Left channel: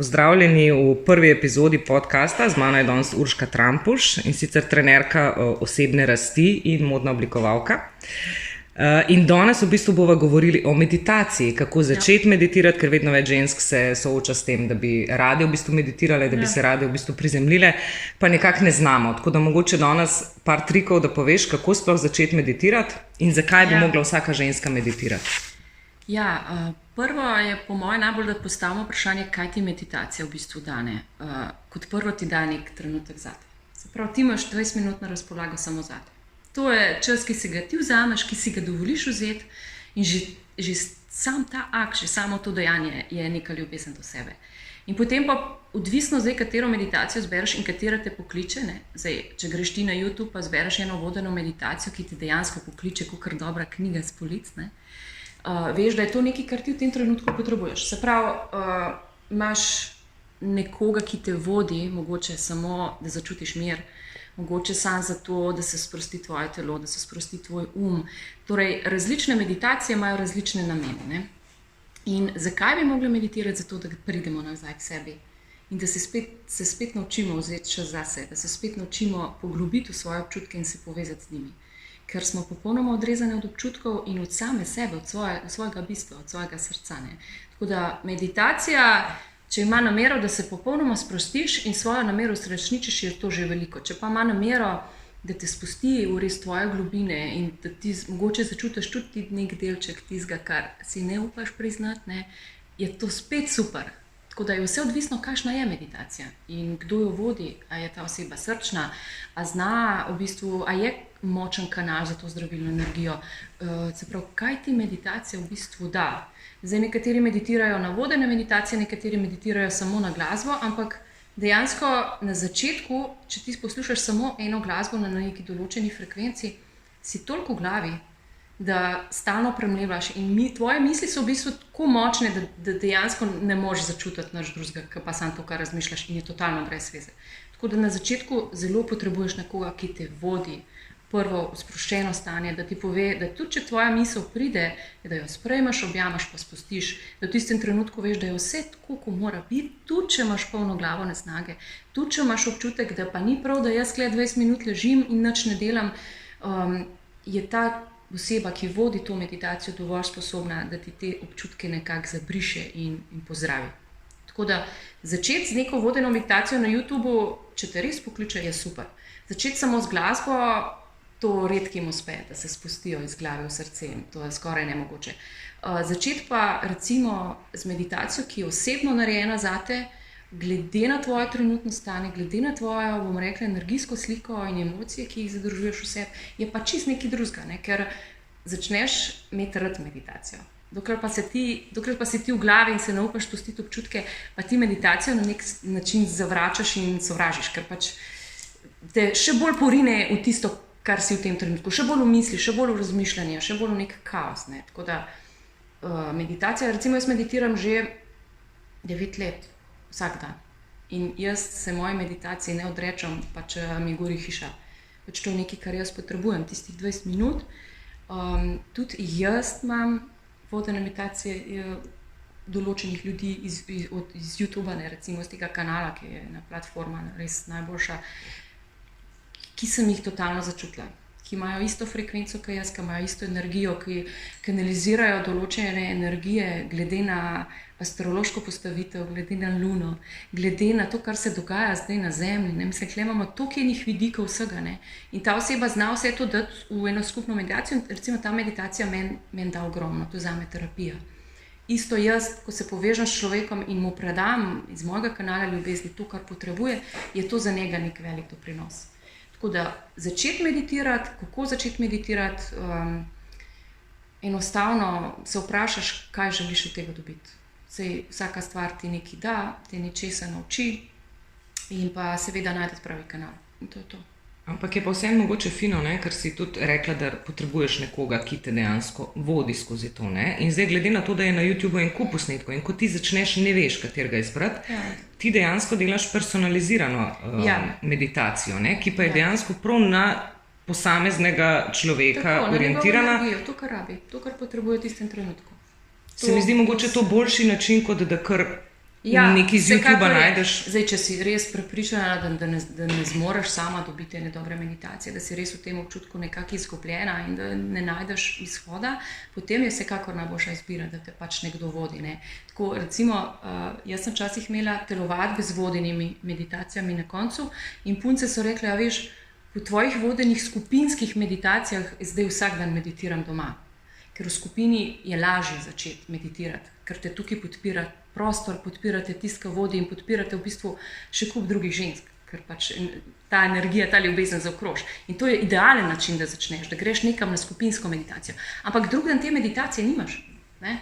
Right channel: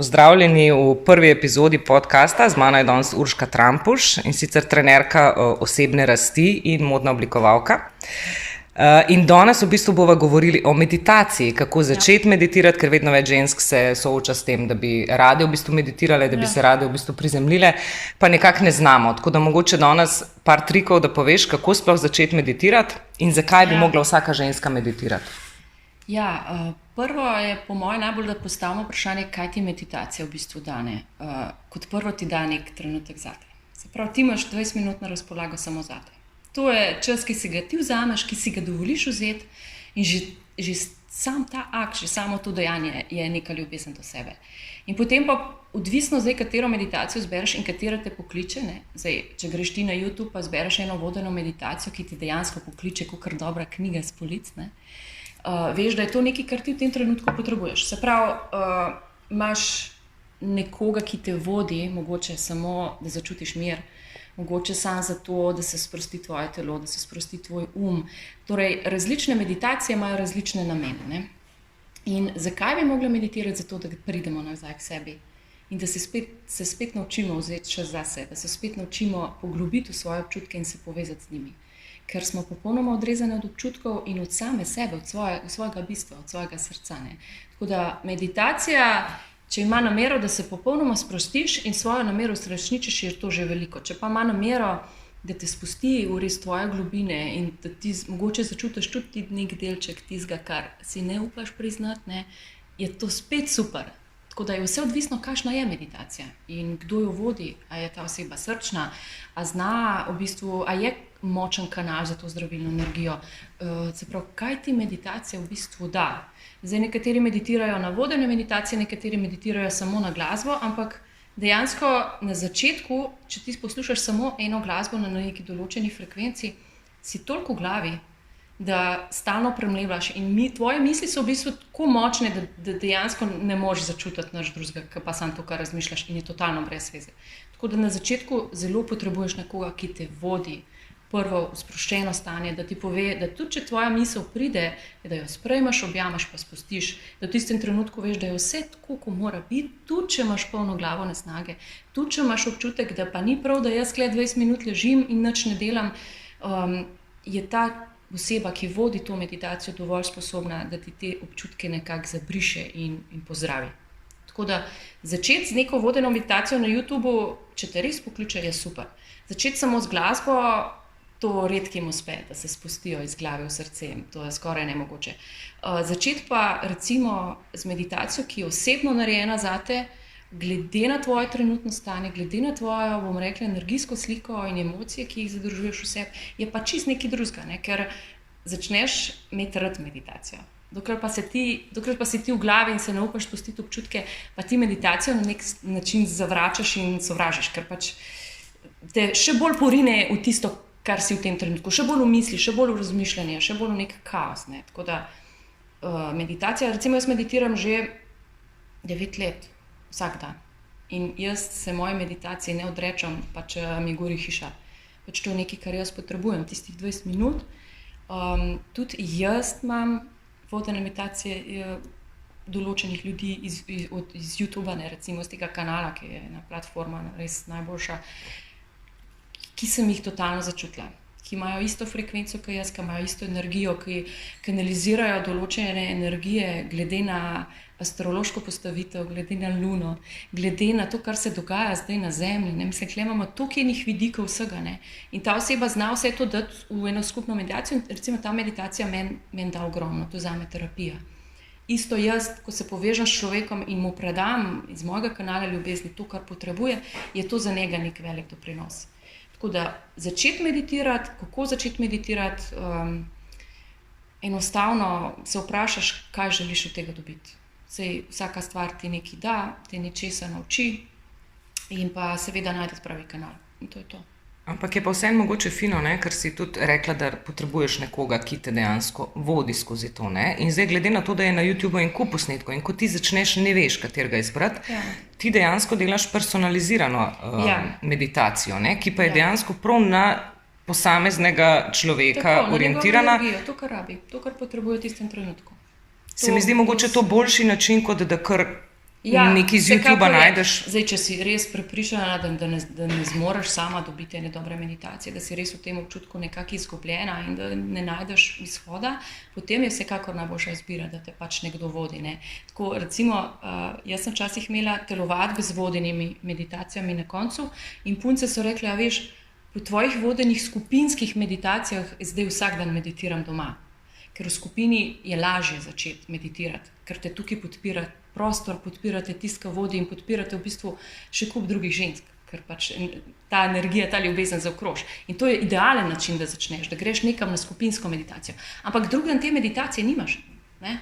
Pozdravljeni v prvi epizodi podcasta. Z mano je danes Urška Trampuš, in sicer trenerka osebne rasti in modna oblikovalka. In danes v bistvu bova govorili o meditaciji, kako začeti meditirati, ker vedno več žensk se sooča s tem, da bi rade v bistvu meditirale, da bi se rade v bistvu prizemljile, pa nekako ne znamo. Tako da mogoče danes par trikov, da poveš, kako sploh začeti meditirati in zakaj bi mogla vsaka ženska meditirati. Prvo je po mojem najbolj, da postavimo vprašanje, kaj ti meditacija v bistvu dane. Kot prvo ti da nek trenutek zate. Se pravi, ti imaš 20 minut na razpolago samo zate. To je čas, ki si ga ti vzameš, ki si ga dovoliš vzeti, in že sam ta akt, že samo to dejanje je neka ljubezen do sebe. In potem pa odvisno zdaj, katero meditacijo zbereš in katera te pokliče. Zdaj, če greš ti na YouTube pa zbereš eno vodeno meditacijo, ki ti dejansko pokliče kakor dobra knjiga s polic, veš, da je to nekaj, kar ti v tem trenutku potrebuješ. Se pravi, imaš nekoga, ki te vodi, mogoče samo, da začutiš mir, mogoče samo zato, da se sprosti tvoje telo, da se sprosti tvoj Torej, različne meditacije imajo različne namene. In zakaj bi mogli meditirati? Zato, da pridemo nazaj k sebi in da se spet naučimo vzeti čas zase, da se spet naučimo poglobiti v svoje občutke in se povezati z njimi. Ker smo popolnoma odrezani od občutkov in od same sebe, od svojega bistva, od svojega srca. Tako da meditacija, če ima namero, da se popolnoma sprostiš in svojo namero uresničiš, je to že veliko. Če pa ima namero, da te spusti v res tvoje globine in da ti mogoče začutiš tudi nek delček tistega, kar si ne upaš priznati, je to spet super. Tako da je vse odvisno, kakšna je meditacija in kdo jo vodi. A je ta oseba srčna, a zna v bistvu, a je močen kanal za to zdravilno energijo. Se pravi, kaj ti meditacija v bistvu da? Zdaj, nekateri meditirajo na vodene meditacije, nekateri meditirajo samo na glasbo, ampak dejansko na začetku, če ti poslušaš samo eno glasbo na neki določeni frekvenci, si toliko v glavi, da stalno premlevaš in tvoje misli so v bistvu tako močne, da dejansko ne moreš začutiti nič drugega, pa samo to, kar razmišljaš, in je totalno brez veze. Tako da na začetku zelo potrebuješ nekoga, ki te vodi prvo v sproščeno stanje, da ti pove, da tudi če tvoja misel pride, da jo sprejmeš, objamaš pa spustiš, da v tistem trenutku veš, da je vse tako, kot mora biti, tudi če imaš polno glavo nesnage, tudi če imaš občutek, da pa ni prav, da jaz 20 minut ležim in nič ne delam, je ta oseba, ki vodi to meditacijo, dovolj sposobna, da ti te občutke nekako zabriše in pozdravi. Tako da začeti z neko vodeno meditacijo na YouTubu, če te res pokliče, je super. Začeti samo z glasbo, to redkim uspe, da se spustijo iz glave v srce, to je skoraj nemogoče. Začeti pa recimo z meditacijo, ki je osebno narejena zate, glede na tvoje trenutno stanje, glede na tvojo, bom rekla, energijsko sliko in emocije, ki jih zadržuješ v sebi, je pa čist nekaj drugega, ker začneš imeti rad meditacijo. Dokler pa si ti v glavi in se ne upaš spustiti občutke, pa ti meditacijo na nek način zavračaš in sovražiš, ker pač te še bolj porine v tisto, kar si v tem trenutku, še bolj v misli, še bolj v razmišljanje, še bolj v nek kaos. Tako da meditacija, recimo jaz meditiram že 9 let, vsak dan. In jaz se moje meditacije ne odrečem, pa če mi gori hiša. Pač to je nekaj, kar jaz potrebujem, tistih 20 minut. Tudi jaz imam vodene meditacije določenih ljudi iz YouTuba, recimo iz tega kanala, ki je ena platforma res najboljša, ki sem jih totalno začutila, ki imajo isto frekvenco kot jaz, ki imajo isto energijo, ki kanalizirajo določene energije glede na astrološko postavitev, glede na luno, glede na to, kar se dogaja zdaj na Zemlji. Mislim, tukaj imamo toliko enih vidikov vsega. In ta oseba zna vse to dati v eno skupno meditacijo. Recimo ta meditacija meni da ogromno, to je zame terapija. Isto jaz, ko se povežem s človekom in mu predam iz mojega kanala ljubezni to, kar potrebuje, je to za njega nek velik doprinos. Tako da začeti meditirati, kako začeti meditirati, enostavno se vprašaš, kaj želiš od tega dobiti. Vsaka stvar ti nekaj da, te nečesa nauči in pa seveda najdeš pravi kanal. In to je to. Ampak je pa vseeno mogoče fino, ker si tudi rekla, da potrebuješ nekoga, ki te dejansko vodi skozi to. In zdaj, glede na to, da je na YouTubu en kup posnetkov in ko ti začneš, ne veš, katerega izbrati, ti dejansko delaš personalizirano meditacijo, ki pa je dejansko prav na posameznega človeka orientirana. To, kar rabi, to, kar potrebuje v tistem trenutku. Se mi zdi mogoče to boljši način, kot da kar nekaj iz YouTubea vsekakor je. najdeš. Zdaj, če si res prepričana, da ne zmoreš sama dobiti ene dobre meditacije, da si res v tem občutku nekako izgubljena in da ne najdeš izhoda, potem je vsekakor najboljša izbira, da te pač nekdo vodi. Ne. Tako, recimo, jaz sem včasih imela telovadbe z vodenimi meditacijami na koncu in punce so rekle, a veš, po tvojih vodenih skupinskih meditacijah zdaj vsak dan meditiram doma. Ker v skupini je lažje začeti meditirati, ker te tukaj podpira prostor, podpirate tiska vodi in podpirate v bistvu še kup drugih žensk, ker pač ta energija, ta ljubezen zaokroži. In to je idealen način, da začneš, da greš nekam na skupinsko meditacijo. Ampak drugi dan te meditacije nimaš. Ne?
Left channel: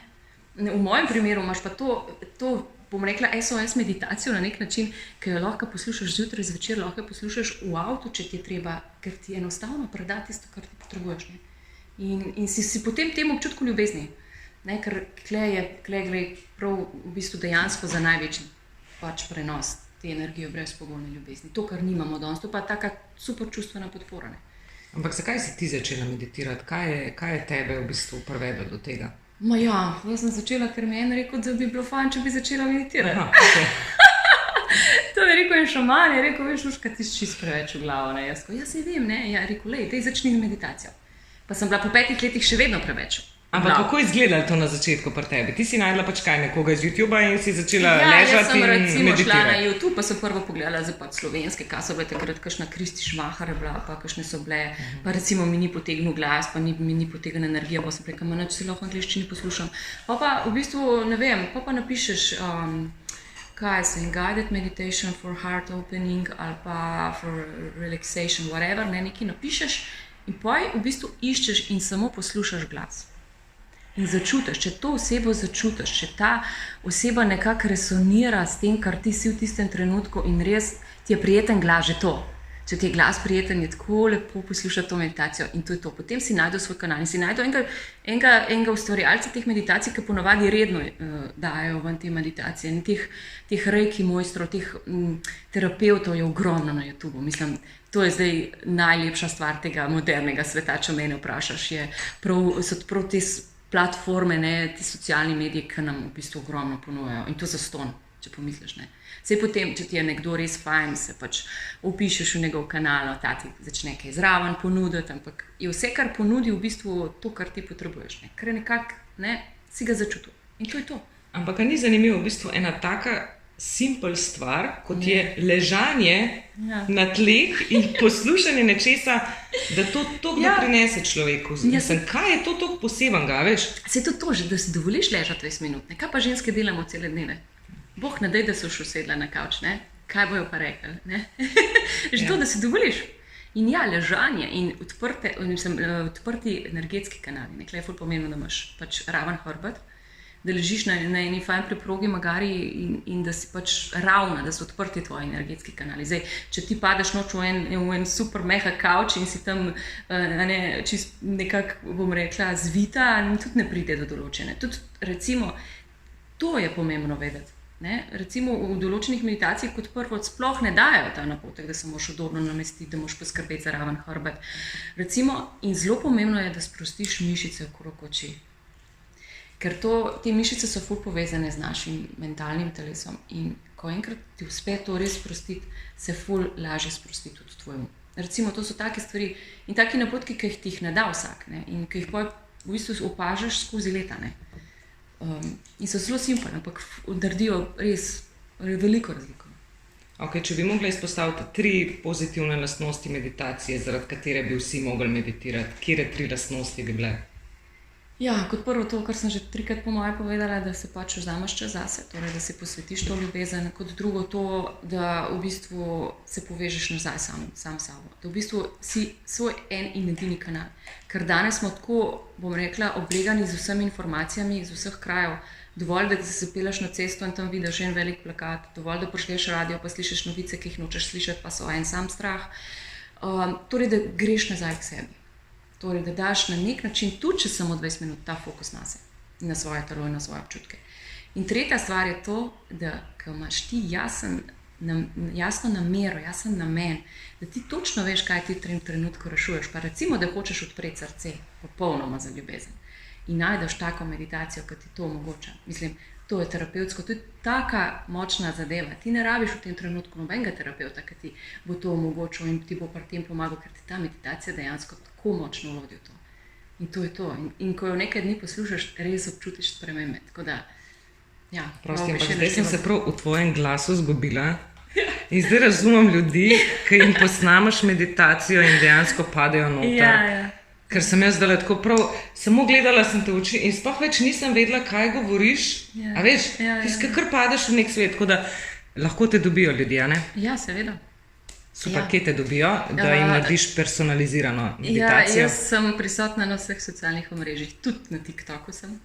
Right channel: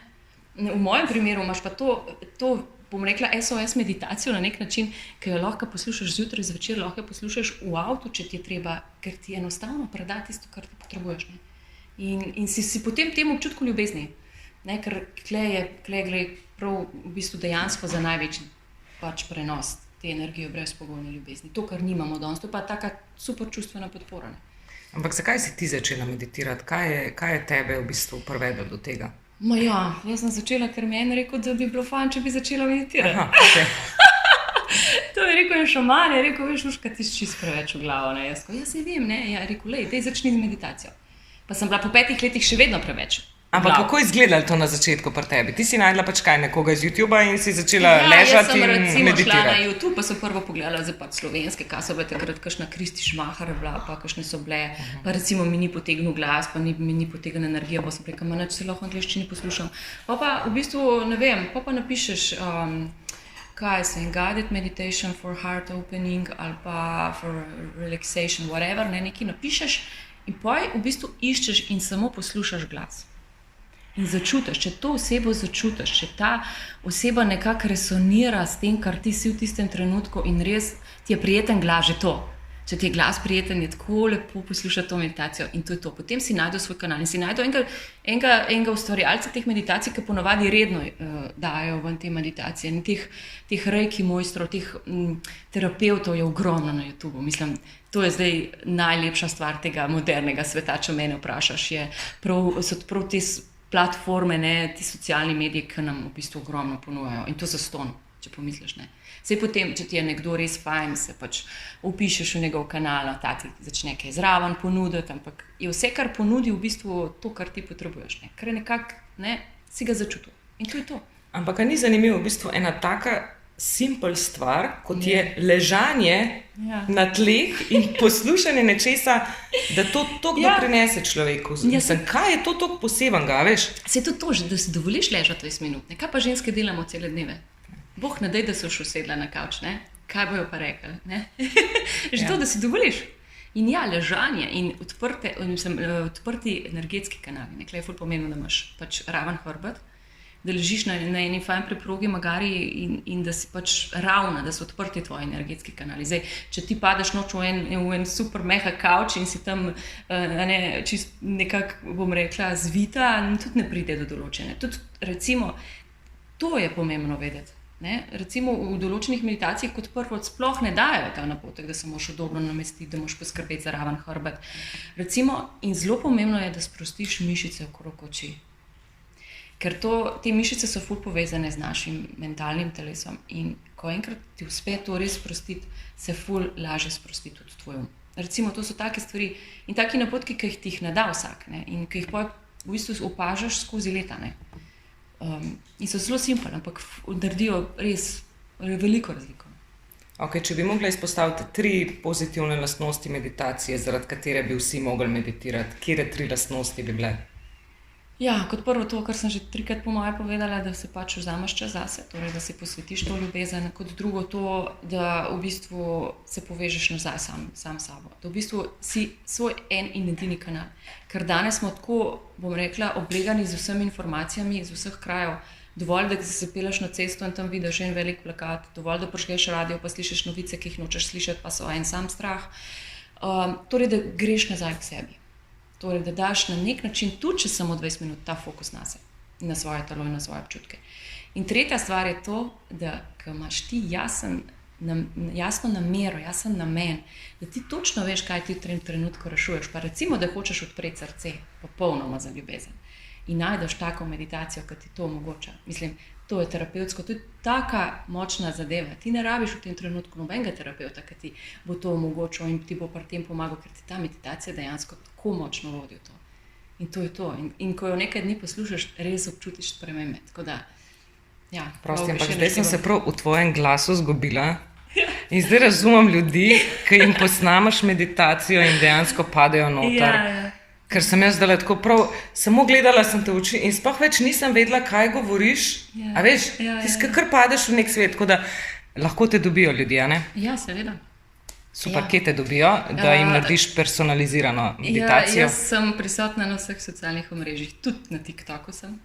V mojem primeru imaš pa to bom rekla, SOS meditacijo na nek način, ki jo lahko poslušaš zjutraj, zvečer, lahko poslušaš v avtu, če ti je treba, ker ti enostavno preda tisto, kar ti potrebuješ. Ne? In si potem tem občutku ljubezni, ne? Ker klej gre prav v bistvu dejansko za največji pač prenos te energije brezpogojne ljubezni. To, kar nimamo danes, to pa je taka super čustvena podpora. Ne? Ampak zakaj si ti začela meditirati? Kaj je tebe v bistvu privedlo do tega? Jaz sem začela, ker mi je en rekel, da bi bilo fajn, če bi začela meditirati. Aha, okay. To je rekel en šaman, je rekel, veš, Urška, ti si čist preveč v glavo. Ne? Jaz se vem, ne? Ja, rekel, dej začni meditacijo. Pa sem bila po 5 letih še vedno preveč. Ampak kako je izgledalo to na začetku pri tebi? Ti si najdla pač kaj nekoga iz YouTubea in si začela ležati in meditirati? Ja, jaz sem recimo šla na YouTube, pa sem prvo pogledala za pač slovenske, kaj so bile takrat, kakšna Kristi Šmahar je bila, pa kakšne so bile, pa recimo mi ni potegnil glas, pa mi ni potegnil energija, pa sem rekla, nič se lahko v angleščini poslušam. Pa v bistvu, ne vem, pa napišeš, kaj se, guided meditation for heart opening ali pa for relaxation, whatever, nekaj napišeš in pa v bistvu iščeš in samo poslušaš glas. In začutiš, če to osebo začutiš, če ta oseba nekako resonira s tem, kar ti si v tistem trenutku in res ti je prijeten glas, že to. Če ti je glas prijeten, je tako lepo poslušati to meditacijo in to je to. Potem si najdel svoj kanal in si najdel enega ustvarjalca teh meditacij, ki ponovadi redno dajo ven te meditacije. In teh reiki mojstrov, teh terapevtov je ogromno na YouTubu. Mislim, to je zdaj najlepša stvar tega modernega sveta, če mene vprašaš. So prav te platforme, ti socialni mediji, ki nam v bistvu ogromno ponujajo. In to zastonj, če pomisliš. Sej potem, če ti je nekdo res fajn, se pač vpišeš v njegov kanal, ta ti začne kaj zraven ponuditi, ampak je vse, kar ponudi, v bistvu to, kar ti potrebuješ. Ker je nekako, si ga začutil. In to je to. Ampak ni zanimivo v bistvu ena taka simpel stvar, kot je ležanje na tleh in poslušanje nečesa, da to prinese človeku. Mislim, kaj je to tako posebenega, veš? Se je to že, da si dovoliš ležati 20 minut. Kaj pa ženske delamo cele dneve? Boh ne daj, da so še usedla na kavč, ne? Kaj bojo pa rekli? Že to, da si dovoliš. In ležanje in odprti energetski kanali. Nekaj je ful pomembno, da imaš pač raven hrbet, da ležiš na eni fajn preprogi magari in da si pač ravna, da so odprti tvoji energetski kanali. Zdaj, če ti padeš noč v en super meha kavč in si tam čist nekako, bom rekla, zvita, tudi ne pride do določene. Tudi recimo, to je pomembno vedeti. Recimo v določenih meditacijah kot prvo sploh ne dajo ta napotek, da se moraš udobno namestiti, da moraš poskrbeti za raven hrbet. Recimo, in zelo pomembno je, da sprostiš mišice okrog oči. Ker te mišice so ful povezane z našim mentalnim telesom in ko enkrat ti uspe to res sprostiti, se ful lažje sprosti tudi tvoj um. Recimo, to so take stvari in taki napotki, ki ti jih ne da vsak in ki jih v bistvu opažaš skozi leta. In so zelo simpel, ampak naredijo res veliko razliko. Okay, če bi mogla izpostaviti 3 pozitivne lastnosti meditacije, zaradi katere bi vsi mogli meditirati, katere 3 lastnosti bi bile? Ja, kot prvo to, kar sem že 3krat po moje povedala, da se pač vzameš čas zase, torej da si posvetiš to ljubezen. Kot drugo to, da v bistvu se povežeš nazaj sam sabo. Da v bistvu si svoj en in edini kanal. Ker danes smo tako, bom rekla, oblegani z vsemi informacijami iz vseh krajev. Dovolj, da se zapeleš na cesto in tam vidiš en velik plakat, dovolj, da prišleš radio, pa slišiš novice, ki jih nočeš slišati, pa so en sam strah. Torej, da greš nazaj k sebi. Torej, da daš na nek način, tudi če samo 20 minut, ta fokus na se, na svoje telo in na svoje občutke. In tretja stvar je to, da ko imaš ti jasno namero, jasen namen, da ti točno veš, kaj ti v tem trenutku rešuješ, pa recimo, da hočeš odpreti srce, popolnoma za ljubezen. In najdeš tako meditacijo, ki ti to omogoča. Mislim, To je terapevtsko, to je taka močna zadeva. Ti ne rabiš v tem trenutku nobenega terapeuta, ki ti bo to omogočil in ti bo pri tem pomagal, ker ti ta meditacija dejansko tako močno vodi v to. In to je to. In ko jo nekaj dni poslušaš, res občutiš spremembe. Tako da, ja, prosti, zdaj sem se prav v tvojem glasu zgubila. In zdaj razumem ljudi, ki jim posnamaš meditacijo in dejansko padejo noter. Ja. Ker sem jaz zdaj tako prav, samo gledala sem te v oči in sploh več nisem vedela, kaj govoriš. Ja. A veš, ti kar padeš v nek svet, tako da lahko te dobijo ljudje, ne? Ja, seveda. Super, kje te dobijo, da jim narediš personalizirano meditacijo? Ja, jaz sem prisotna na vseh socialnih omrežjih, tudi na TikToku sem.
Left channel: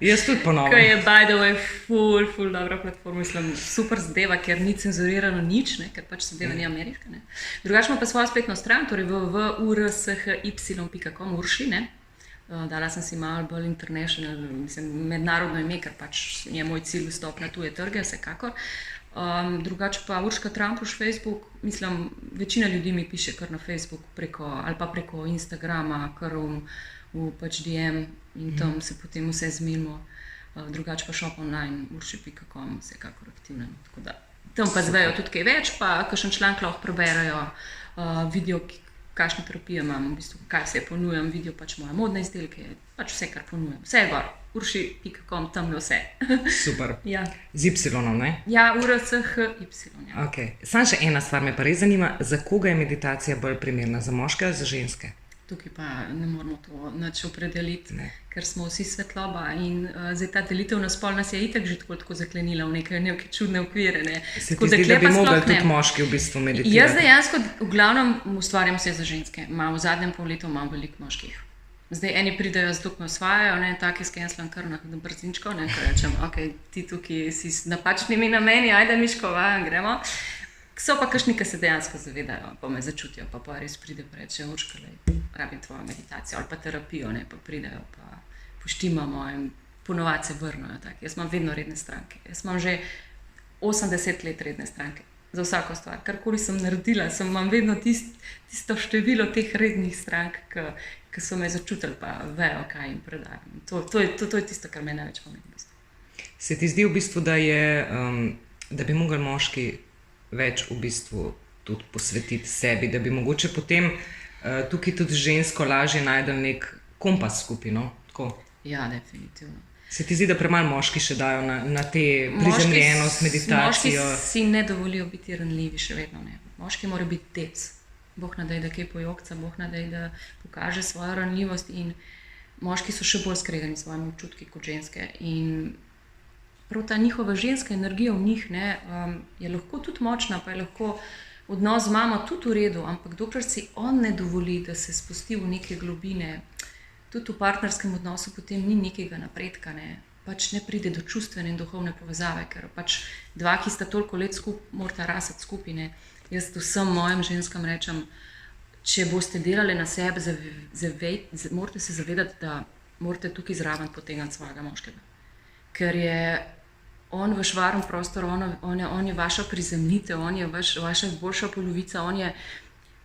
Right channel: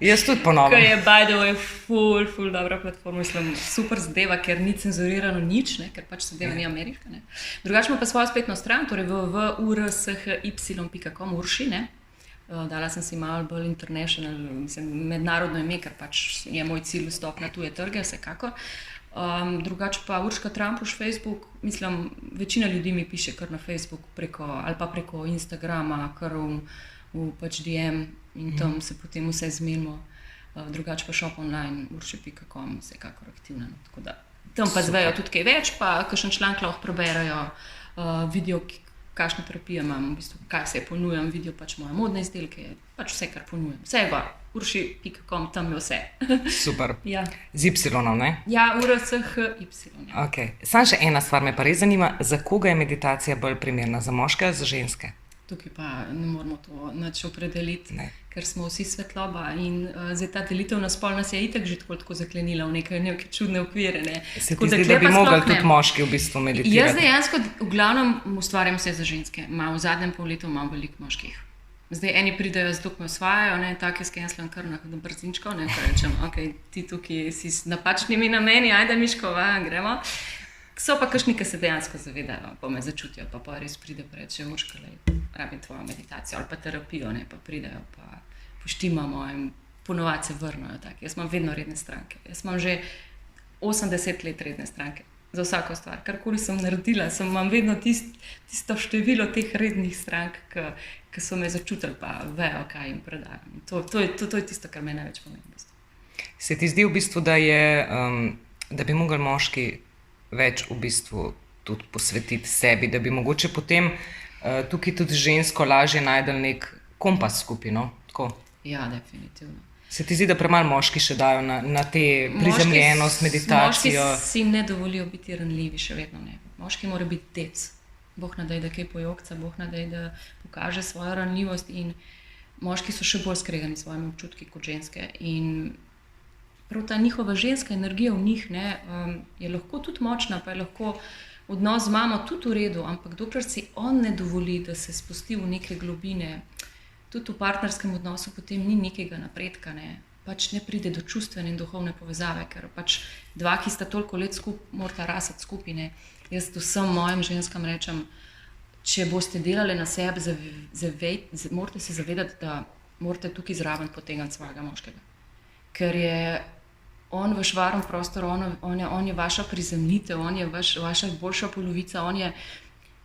Jaz tudi ponovno. Kaj je, by the way, ful dobra platforma, mislim, super zadeva, ker ni cenzurirano nič, ne, ker pač zadeva ni ameriška. Ne. Drugače ima pa svojo spletno stran, torej www.urshi.com, Urši, ne. Dala sem si malo bolj international, mislim, mednarodno ime, ker pač je moj cilj vstop na tuje trge, vsekakor. Drugače pa Urška Trampuš, Facebook, mislim, večina ljudi mi piše kar na Facebook ali pa preko Instagrama, kar v pač DM in tam se potem vse zmenimo. Drugače pa shop online, urši.com, vsekakor aktivno. Tako da tam pa zvejo tudi kaj več, pa kakšen članek lahko preberajo, vidijo, kakšne terapije imam, v bistvu, kaj vse ponujam, vidijo pač moje modne izdelke, pač vse, kar ponujam. Vse je gor. Urši.com, tam je vse. Super. Ja. Z Y, ne? Ja, URCHY. Ja. Okay. Samo še ena stvar me pa res zanima, za koga je meditacija bolj primerna, za moške ali za ženske? Tukaj pa ne moramo to nič opredeliti, ker smo vsi svetloba in zdaj ta delitev na spol nas je itak že tako zaklenila v neke čudne okvire. Ne. Se ti zdi, da bi mogli tudi moški v bistvu meditirati? Jaz dejansko v glavnem ustvarjam vse za ženske. V zadnjem pol letu imam veliko moških. Zdaj eni pridejo, zato me osvajajo, take skenslam kar na brzinčko, ko rečem, ok, ti tukaj si s napačnimi nameni, ajde Miškova, gremo. So pa kakšni, ki se dejansko zavedajo, pa me začutijo, pa res pride pa reče, Urška, rabim tvojo meditacijo ali pa terapijo, pa pridejo, pa poštimamo in ponovadi se vrnejo. Jaz imam vedno redne stranke. Jaz imam že 80 let redne stranke. Za vsako stvar, karkoli sem naredila, imam vedno tisto število teh rednih strank, ki so me začutili, pa vejo, kaj jim predajam. To je tisto, kar me največ pomeni. V bistvu. Se ti zdi v bistvu, da bi mogli moški več v bistvu tudi posvetiti sebi, da bi mogoče potem tukaj tudi žensko lažje najdel nek kompas skupino? Ja, definitivno. Se ti zdi, da premalo moški še dajo na te prizemljenost, meditacijo? Moški si ne dovolijo biti ranljivi, še vedno ne. Moški mora biti dec. Bog nadej, da kaj pojokca, Bog nadej, da pokaže svojo ranljivost in moški so še bolj skregani s svojimi občutki kot ženske. In prav ta njihova ženska energija v njih je lahko tudi močna, pa je lahko odnos z mamo tudi v redu, ampak dokler si on ne dovoli, da se spusti v neke globine, tudi v partnerskem odnosu potem ni nekega napredka, pač ne pride do čustvene in duhovne povezave, ker pač dva, ki sta toliko let morata rasti skupaj. Jaz vsem mojim ženskam rečem, če boste delali na sebi, morate se zavedati, da morate tukaj zraven potegniti svojega moškega. Ker je on vaš varen prostor, on je vaša prizemljitev, on je vaša boljša polovica, on je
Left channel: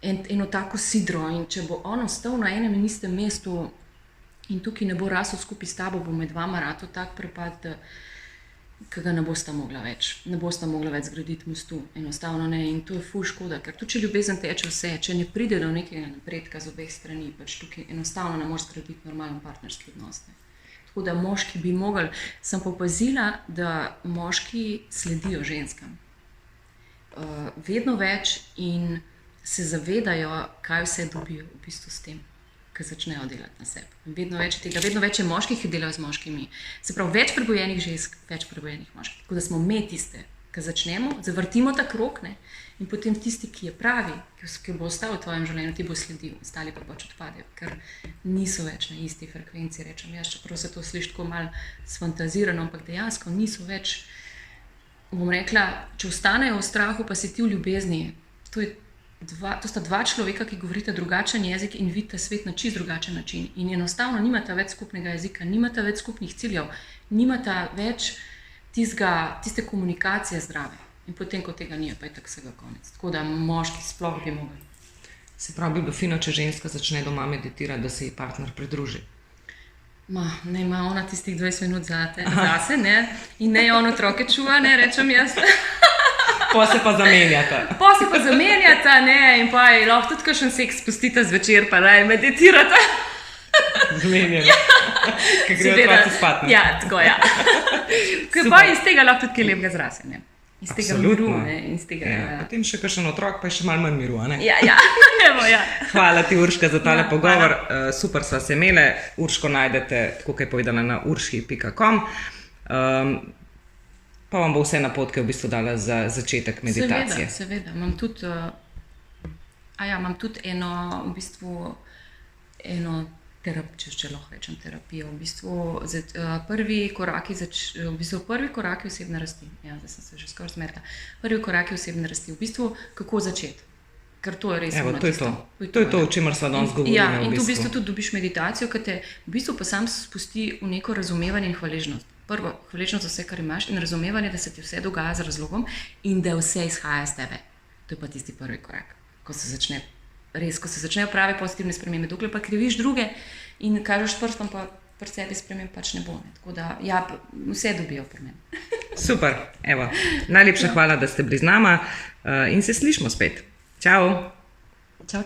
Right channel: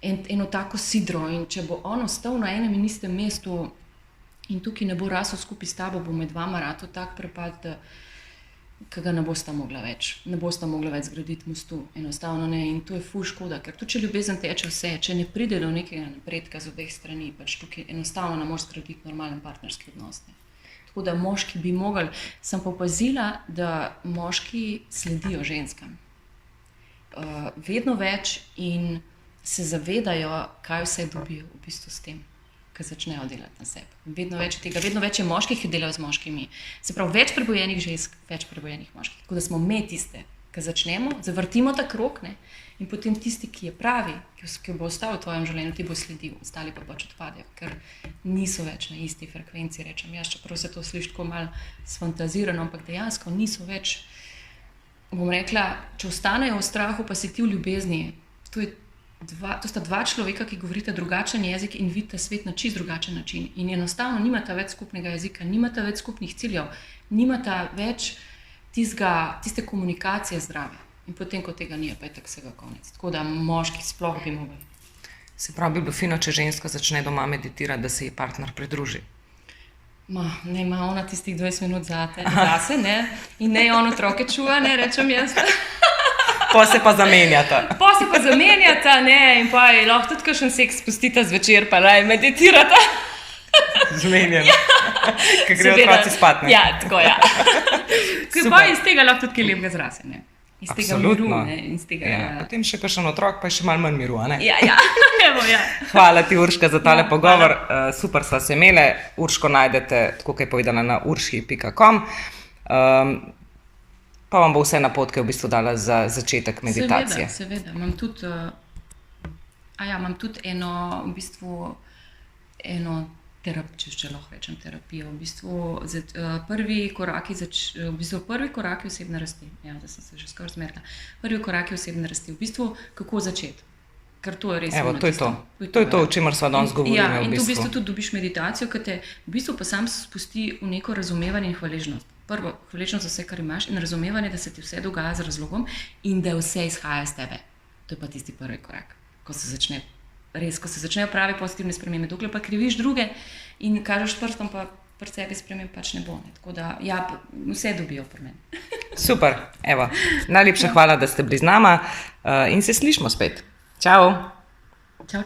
eno tako sidro in če bo on ostal na enem in istem mestu in tukaj ne bo rasel skupaj s tabo, bo med vama rato tak prepad, da ga ne bosta mogla več zgraditi mostu, enostavno ne, in to je ful škoda, ker tudi če ljubezen teče vse, če ne pride do nekega napredka z obeh strani, pač tukaj enostavno ne moreš zgraditi normalen partnerski odnos. Tako da moški bi mogli, sem pa opazila, da moški sledijo ženskam. Vedno več in se zavedajo, kaj vse dobijo v bistvu s tem, ki začnejo delati na sebi. Vedno več je tega, vedno več je moških, ki delajo z moškimi. Se pravi, več prebojenih žensk, več prebojenih moških. Tako da smo me tiste, ki začnemo, zavrtimo ta krog, in potem tisti, ki je pravi, ki bo ostal v tvojem življenju, ti bo sledil, ostali pa pač odpadejo, ker niso več na isti frekvenciji, rečem jaz, čeprav se to sliši tako malo sfantazirano, ampak dejansko niso več, bom rekla, če ostanejo v strahu, pa si ti v ljubezni, to sta dva človeka, ki govorita drugačen jezik in vidita svet na čisto drugačen način. In enostavno nimata več skupnega jezika, nimata več skupnih ciljev, nimata več tiste komunikacije zdrave. In potem, ko tega ni, pa je tako vsega konec. Tako da moški sploh bi mogli. Se pravi, bi bilo fino, če ženska začne doma meditirati, da se ji partner pridruži. Ne ima ona tistih 20 minut zase, ne? In ne on otroke čuva, ne rečem jaz. Pa se pa zamenjata, ne? In pa je lahko tudi kakšen seks spustita zvečer, pa naj meditirata. Zmenjeno. Ker gre otroci spat, ne? Ja, tako, ja. Ker pa iz tega lahko tudi kaj lepega zrase, ne? Iz tega miru, ne? Iz tega, ja. Potem še kakšen otrok, pa je še malo manj miru, ne? Ja, evo, ja. Hvala ti, Urška, za tale pogovor. Hvala. Super sva se imele. Urško najdete, tako kot je povedala, na urši.com. Pa vam bo vse napotke v bistvu dala za začetek meditacije. Seveda. Imam tudi, imam tudi eno, v bistvu, če lahko rečem terapijo. V bistvu, prvi koraki osebne rasti. Ja, zdaj sem se že skoraj zmedla. Prvi koraki osebne rasti. V bistvu, kako začeti? Ker to je res ono tisto. To je to, o čemer sva danes govorila. Ja, in tu v bistvu tudi dobiš meditacijo, ki te v bistvu pa sam spusti v neko razumevanje in hvaležnost. Prvo, hvaležnost za vse, kar imaš, in razumevanje, da se ti vse dogaja z razlogom in da vse izhaja iz tebe. To je pa tisti prvi korak, ko se začnejo prave pozitivne spremembe. Dokler pa kriviš druge in kažeš prstom, pa pri sebi sprememb pač ne bo. Ne. Tako da, ja, vse dobijo pri meni. Super, evo. Najlepša hvala, da ste bili z nama in se slišimo spet. Čau!